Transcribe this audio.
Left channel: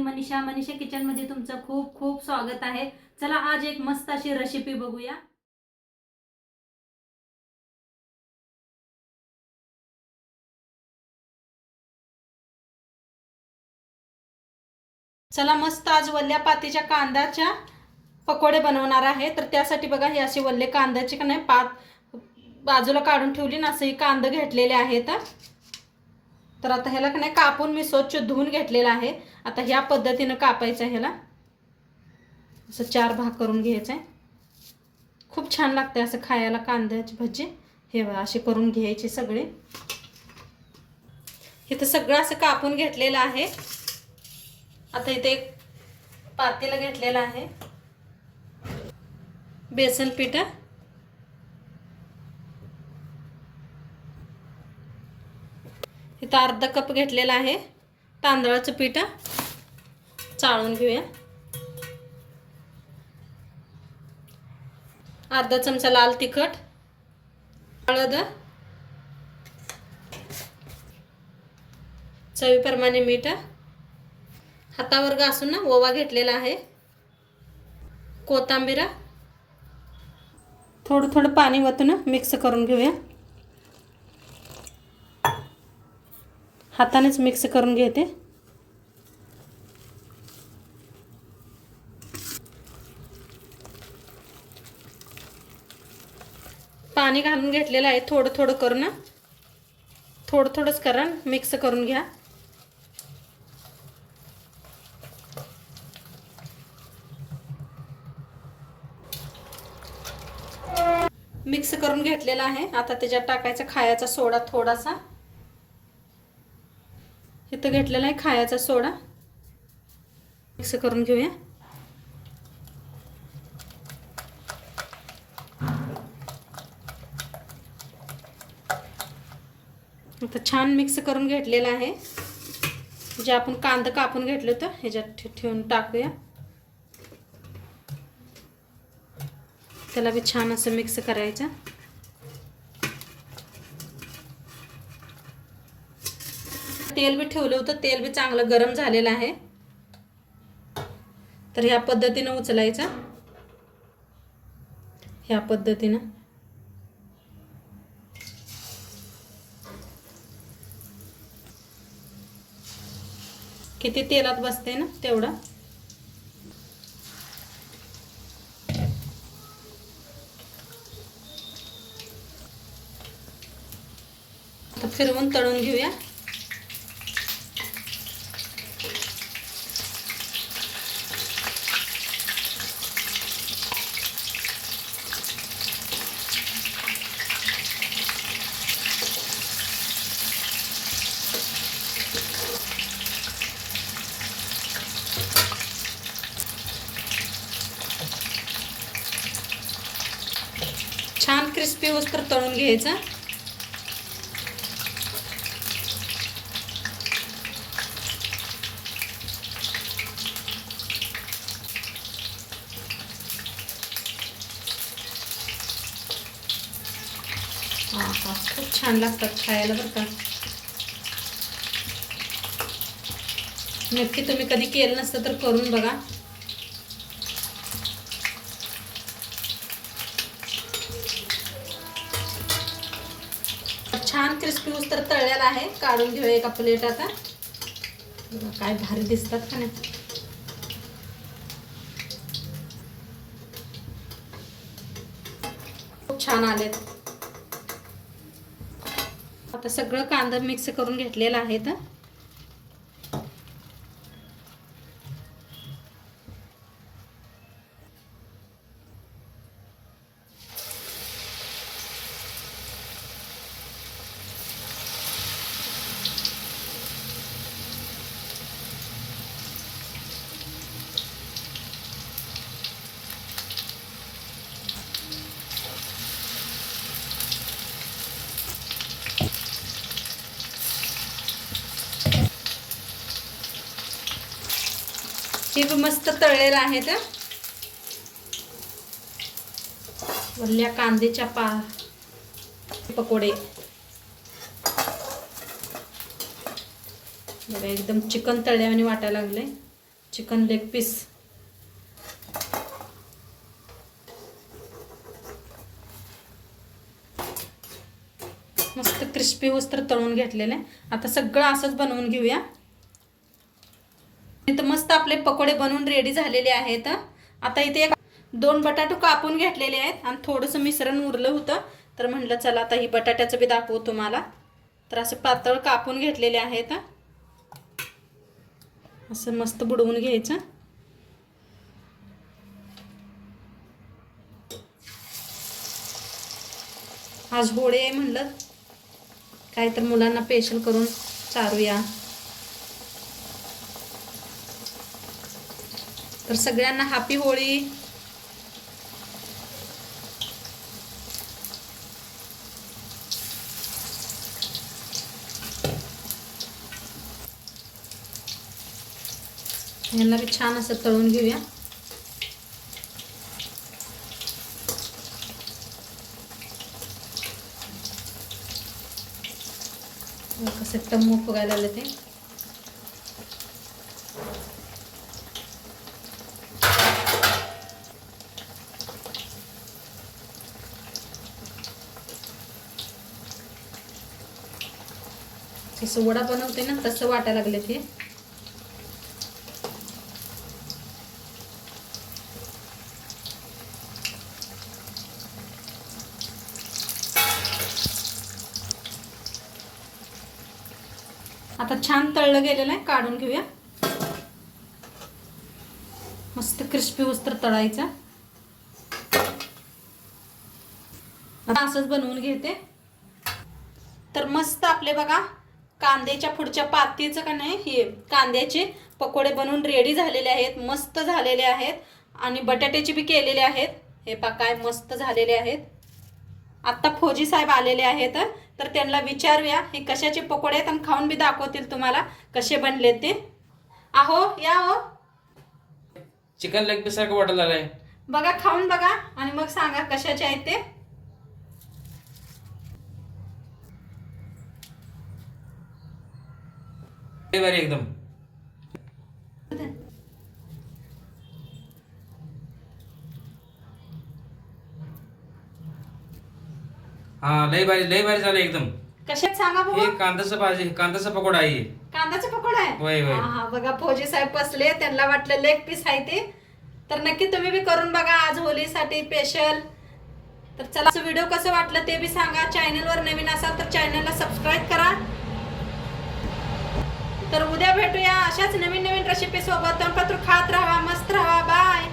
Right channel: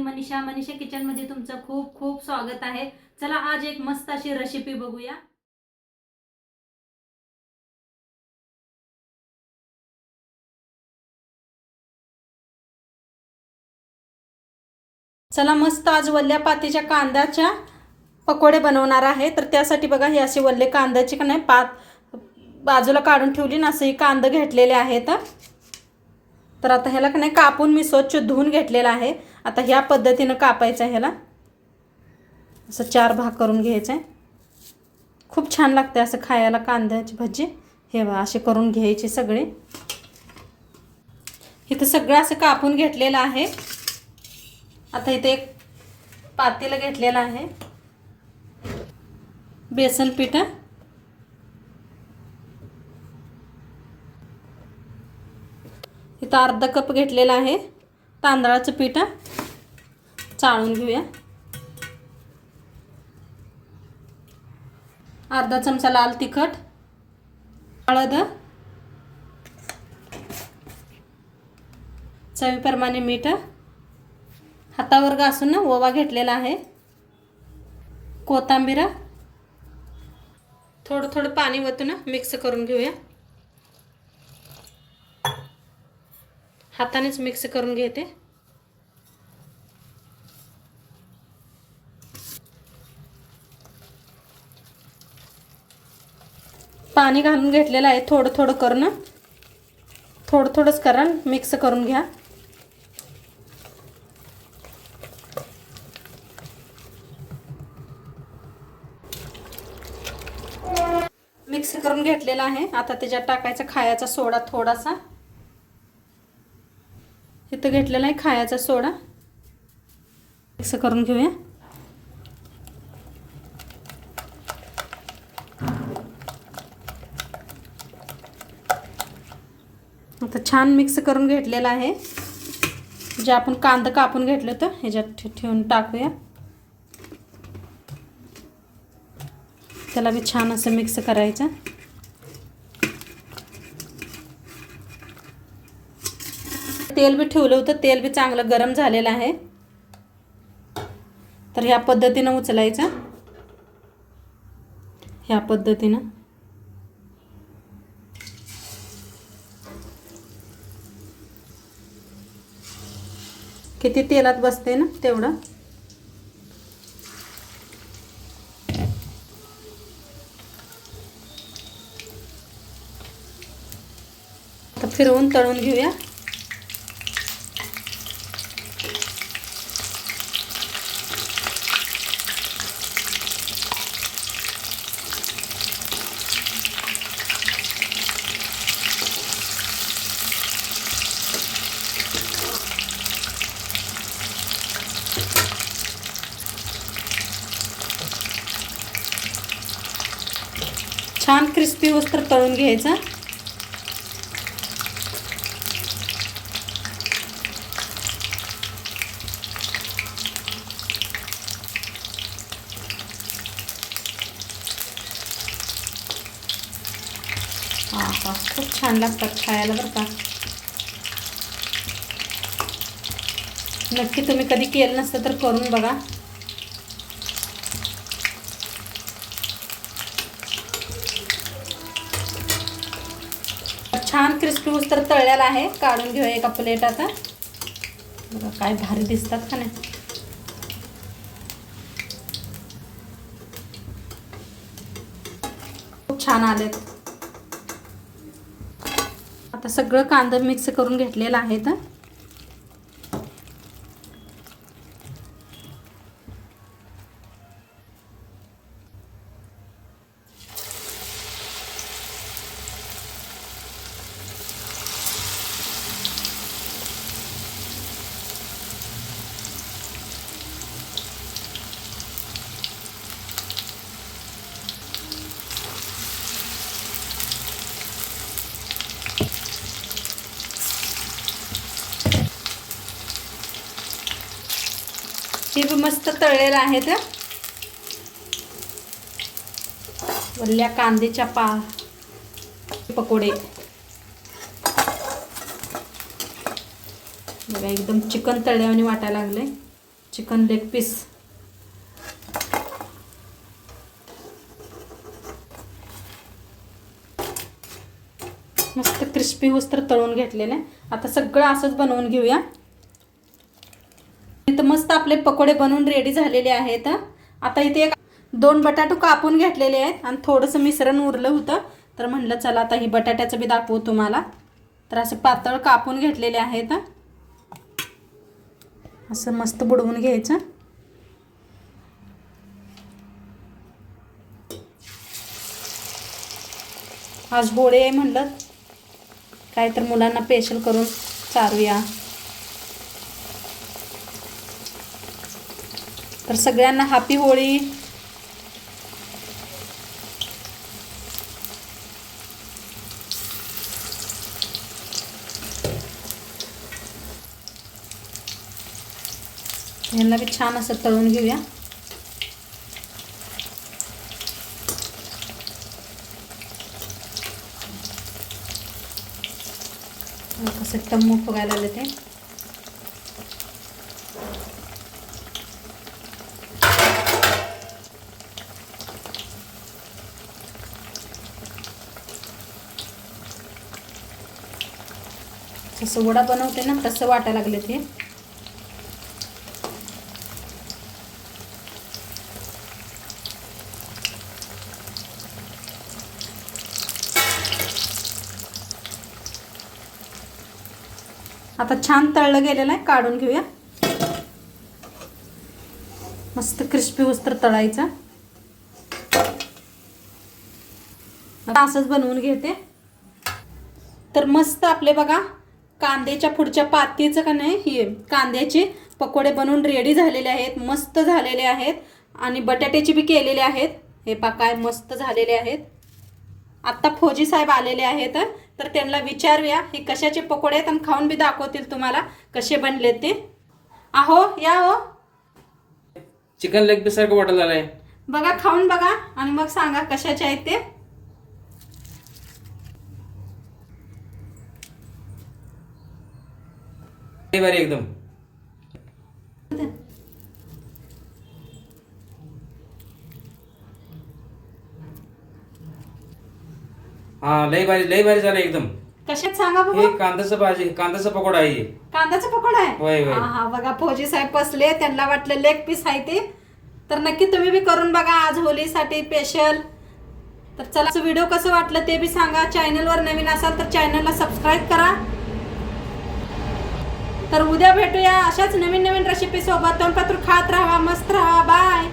मी Manisha kitchen मध्ये तुमचं खूप खूप स्वागत आहे। चला आज एक मस्त अशी रेसिपी बघूया। चला मस्त आज वल्ल्या पातीच्या कांद्याच्या पकोडे बनवणार आहे। तर त्यासाठी बघा हे असे वल्ले कांद्याचे का नाही पात बाजूला काढून ठेवली ना, असे कांदे घेतलेले आहेत। तर आता ह्याला का नाही कापून मी स्वच्छ धुवून घेतलेला आहे। आता ह्या पद्धतीने कापायचं आहे, ह्याला असं 4 भाग करून घ्यायचं आहे। खूप छान लागते असं खायला कांद्याची भजी। हे बघा असे करून घ्यायचे सगळे। इथे सगळं असं कापून घेतलेलं आहे। आता इथे एक पातेलं घेतलेलं आहे, बेसन पीठ, इथं अर्धा कप घेतलेला आहे तांदळाचं पीठ, चाळून घेऊया। अर्धा चमचा लाल तिखट, हळद, चवीप्रमाणे मीठ, हातावर घासून ओवा घेतलेला आहे, कोथिंबीर, थोडं थोडं पाणी वतून मिक्स करून घेऊया। हातानेच मिक्स करून घेते। पाणी घालून घेतलेलं आहे, थोडं थोडं करून, थोडं थोडंच करा, मिक्स करून घ्या। मिक्स करून घेतलेला आहे। आता त्याच्यात टाकायचा खायचा सोडा थोडासा, इथं घेतलेला आहे खायचा सोडा, मिक्स करून घेऊया। आता छान मिक्स करून घेतलेला आहे। जे आपण कांदा कापून घेतलं होतं ह्याच्यात ठेवून टाकूया। त्याला भी छान असं मिक्स करायचं। तेल भी ठेवलं होतं, तेल भी चांगलं गरम झालेलं आहे। तर ह्या पद्धतीने उचलायचं, ह्या पद्धतीने। किती तेलात बसते ना तेवढं। आता फिरवून तळून घेऊया। छान क्रिस्पी होईस्तोवर तळून घ्यायचं। खूप छान लागतात खायला बरं का। नक्की तुम्ही कधी केलं नसतं तर करून बघा। छान क्रिस्पी होईस्तोवर तळलेला आहे, काढून घेऊया एका प्लेटात। बघा काय भारी दिसतात का नाही। खूप छान आलेत। आता सगळं कांदा मिक्स करून घेतलेला आहे। हे मस्त तळलेले आहेत वल्ल्या कांद्याच्या पकोडे। बघा एकदम चिकन तळल्यावानी वाटायला लागले। Chicken leg piece. मस्त क्रिस्पी होस तर तळून घेतलेलं आहे. आता सगळं असंच बनवून घेऊया. इथं मस्त आपले पकोडे बनवून रेडी झालेले आहेत. आता इथे 2 बटाटू कापून घेतलेले आहेत आणि थोडंसं मिश्रण उरलं होतं, तर म्हटलं चला आता ही बटाट्याचं बी दाखवू तुम्हाला. तर असं पातळ कापून घेतलेले आहेत. असं मस्त बुडवून घ्यायचं. आज होळी आहे म्हणलं काय तर मुलांना स्पेशल करून चारूया. तर सगळ्यांना हॅपी होळी. यांना बी छान असं तळून घेऊया. कसं टम्म फुगायला लागले ते. जसं वडा बनवते ना तसं वाटायला लागले ते. आता छान तळलं गेलेलं आहे, काढून घेऊया. मस्त क्रिस्पी होस तर तळायचा. आता असंच बनवून घेते. तर मस्त आपले बघा कांद्याच्या पुढच्या पातीचं का नाही हे कांद्याचे पकोडे बनवून रेडी झालेले आहेत. मस्त झालेले आहेत आणि बटाट्याचे बी केलेले आहेत. हे पहा काय मस्त झालेले आहेत. आत्ता फौजी साहेब आलेले आहेत, तर त्यांना विचारूया हे कशाचे पकोडे आहेत आणि खाऊन बी दाखवतील तुम्हाला कसे बनले ते. आहो या हो. चिकन लेग पीस सारखं वाटायला लागलंय. बघा खाऊन बघा आणि मग सांगा कशाचे आहेत ते. लय भारी एकदम. हा लय भारी झालं एकदम. कशात सांगा बघू. हे कांद्याचा पकोडा आहे. कांद्याचा पकोडा आहे. होय होय. हा बघा फौजी साहेब बसले, त्यांना वाटलं लेग पीस आहे ते. तर नक्की तुम्ही बी करून बघा आज होलीसाठी स्पेशल. तर चला व्हिडिओ कसं वाटलं ते बी सांगा. चॅनलवर नवीन असाल तर चॅनलला सबस्क्राईब करा. तर उद्या भेटूया अशाच नवीन रेसिपी सोबत. तोंडपात्र खात राहा, मस्त राहा. बाय.